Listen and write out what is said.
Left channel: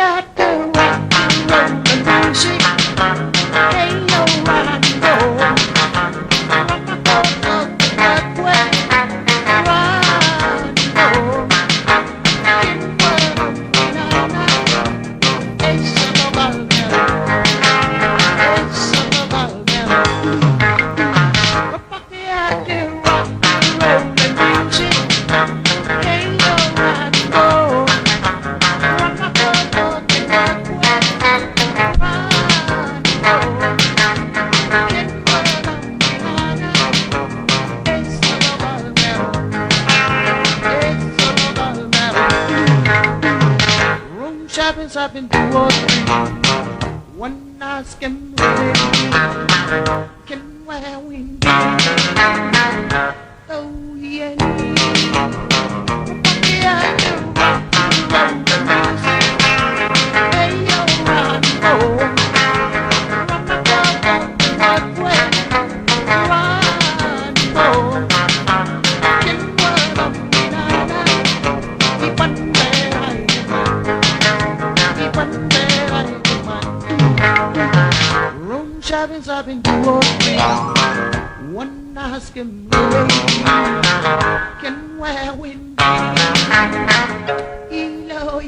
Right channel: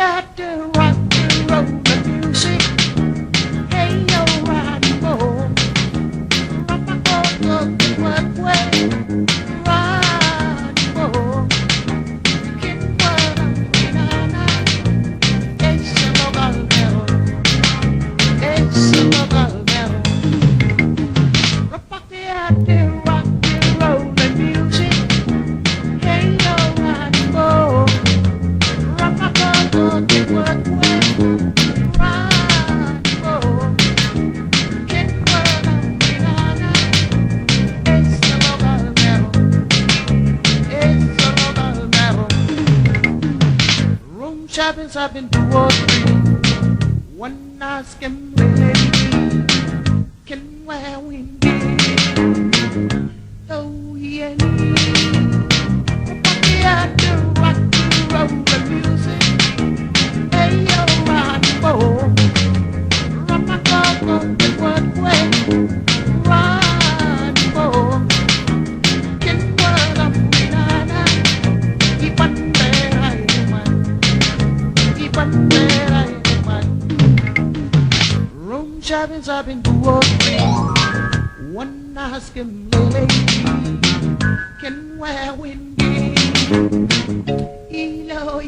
out to rock and roll the music. Hey, yo, rock and roll. Rock my boat up the blood way. Rock and roll. Get what I'm in all night. It's a local metal. It's a local metal. Rock the out to rock and roll the music. Hey, yo, rock and roll. Rock my boat up the blood way. Rock and roll. Get what I'm in all night. It's a local metal. It's a local metal. Room shopping's up in 2 or 3. One nice can really can where we be. Oh yeah. Yeah, to rock and roll the music. Hey yo, rock and roll. Rock my dog on the right way. Rock and roll. Get what I'm in all night. Keep on there, I am. Keep on there, I am. Room shopping's up in 2 or 3. One nice can lady can wear with me. Elo,